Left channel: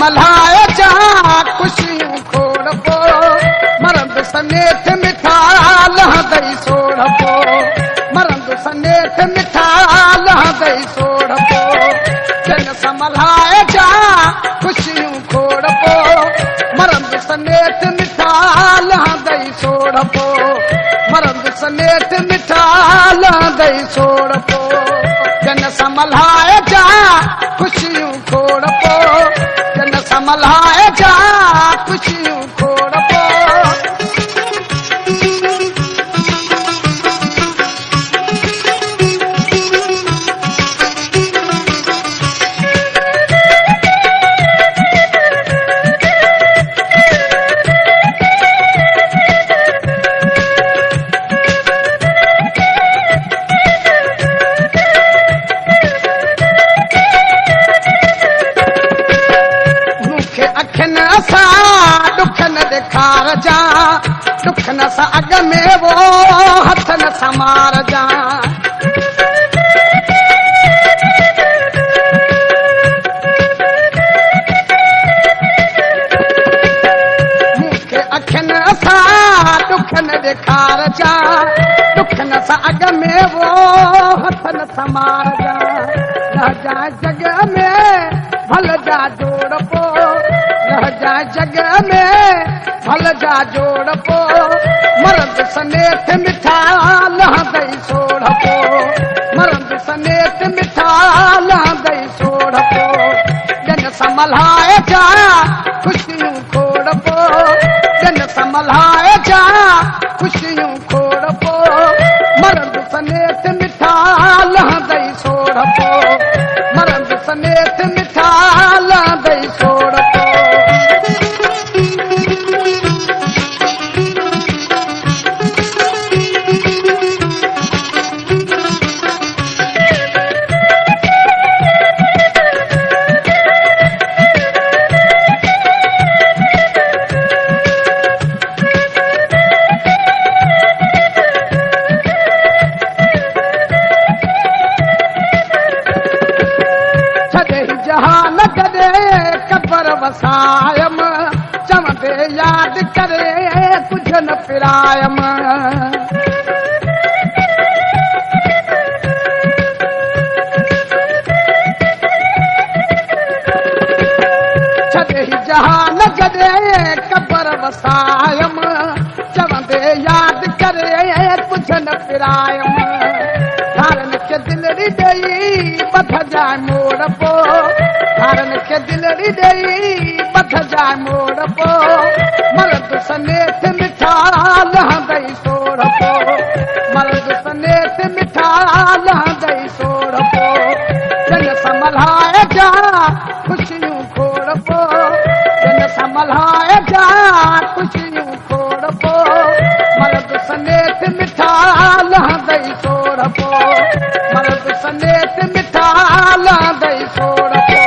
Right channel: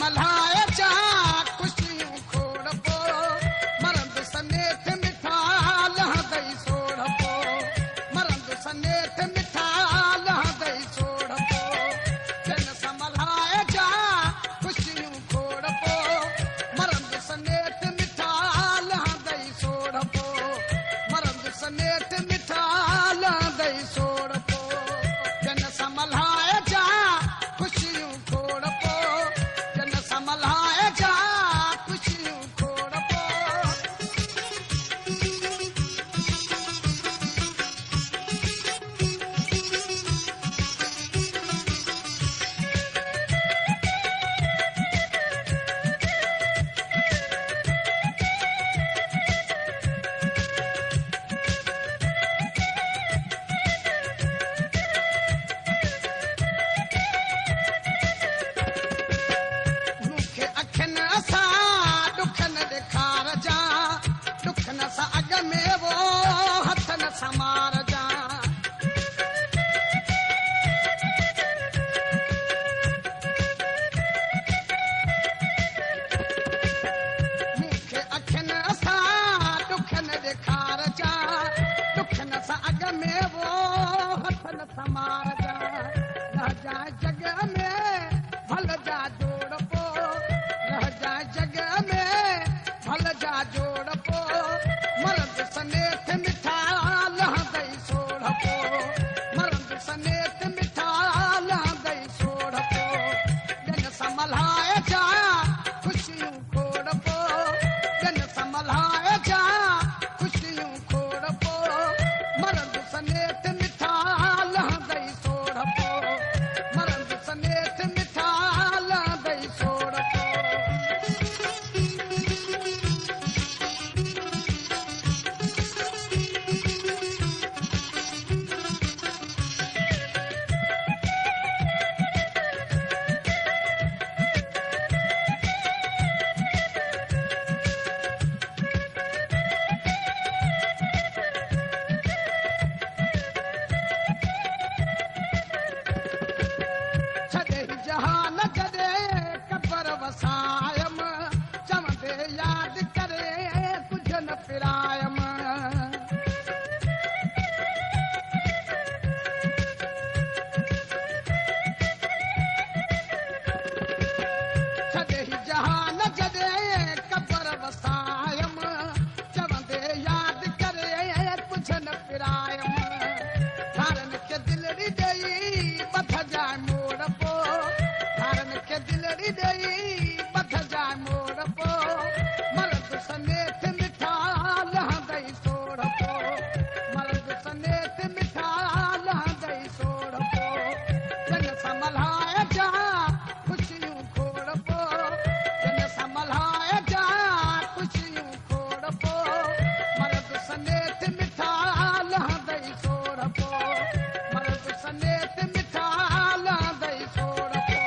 संभलाए जा खुशियूं खोड़ पो मरंद सनेठ मिठा लहंदई सोढ़ पो मरंद सनेठ मिठा लहंदई सोढ़ पो जन संभलाए जा खुशियूं खोड़ पो मरंद सनेठ मिठा लहंदई सोढ़ पो मरंद सनेठ मिठा लहंदई सोढ़ पो जन संभलाए जा खुशियूं खोड़ पो जन संभलाए जा खुशियूं खोड़ पो ॾेखार जा दुख न सां अॻ में वो हथ न समार जा मूंखे अखियुनि सां दुख न ॾेखार जा दुख न सां अॻ में वो हथ न समार जा रह जा जग में भल जा जोड़ पो रह जा जग में भल जा जोड़ पो मरंद सनेठ मिठा लहंदई सोढ़ पो मरंद सनेठ मिठा लहंदई सोढ़ पो जन संभलाए जा खुशियूं खोड़ पो जन संभलाए जा खुशियूं खोड़ पो मरंद सनेठ मिठा लहंदई सोढ़ पो मरंद सनेठ मिठा लहंदई सोढ़ पो जहान कदे कबर वसायम चवंदे याद करे कुछ न पिरायम छॾे जहान कदे कबर वसायम चवंदे याद करे कुछ न पिरायम धारन के दिलड़ी ॾेई बथ जाए मोड़ पो धारन के दिलड़ी ॾेई बथ जाए मोड़ पो मरद सनेठ मिठा लहंदई सोढ़ पो मरद सनेठ मिठा लहंदई सोढ़ पो जन संभलाए जा खुशियूं खोड़ पो जन संभलाए जा खुशियूं खोड़ पो मरद सनेठ मिठा लहंदई सोढ़ पो मरद सनेठ मिठा लहंदई सोढ़ पो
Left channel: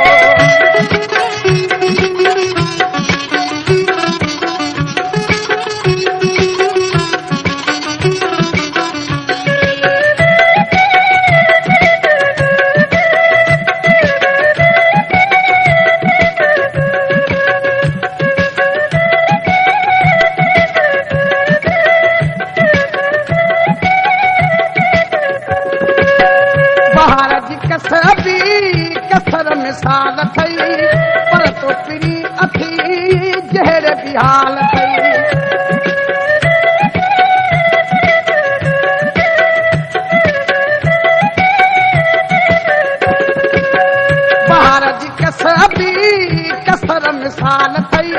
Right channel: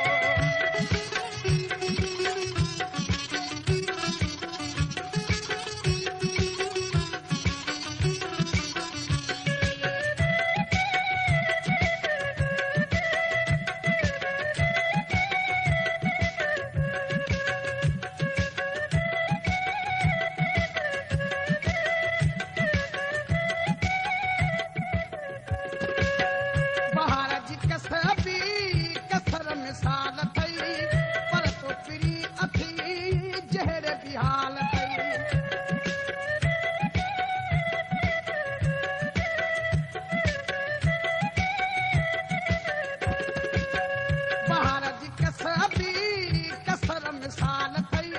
कसर मिसाल थई पर तो पिरी अथी जहर बिहाल थई बहार जी कसर मिसाल थई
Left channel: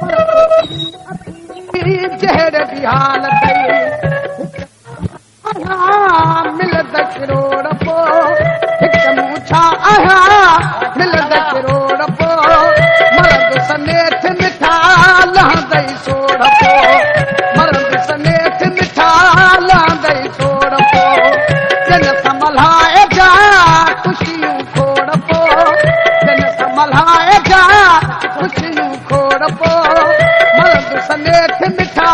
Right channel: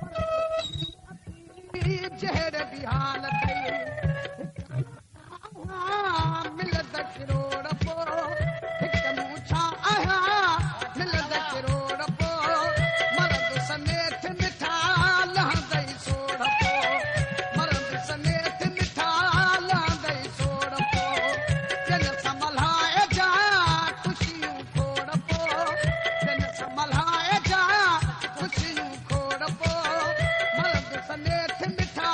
पर तो पिरी अथी जहर बिहाल थई मिलद किरोड़ पो हिकु मूछा आया मिलद किरोड़ पो मरद सनेठ मिठा लहंदई सोढ़ पो मरद सनेठ मिठा लहंदई सोढ़ पो जन संभलाए जा खुशियूं खोड़ पो जन संभलाए जा खुशियूं खोड़ पो मरद सनेठ मिठा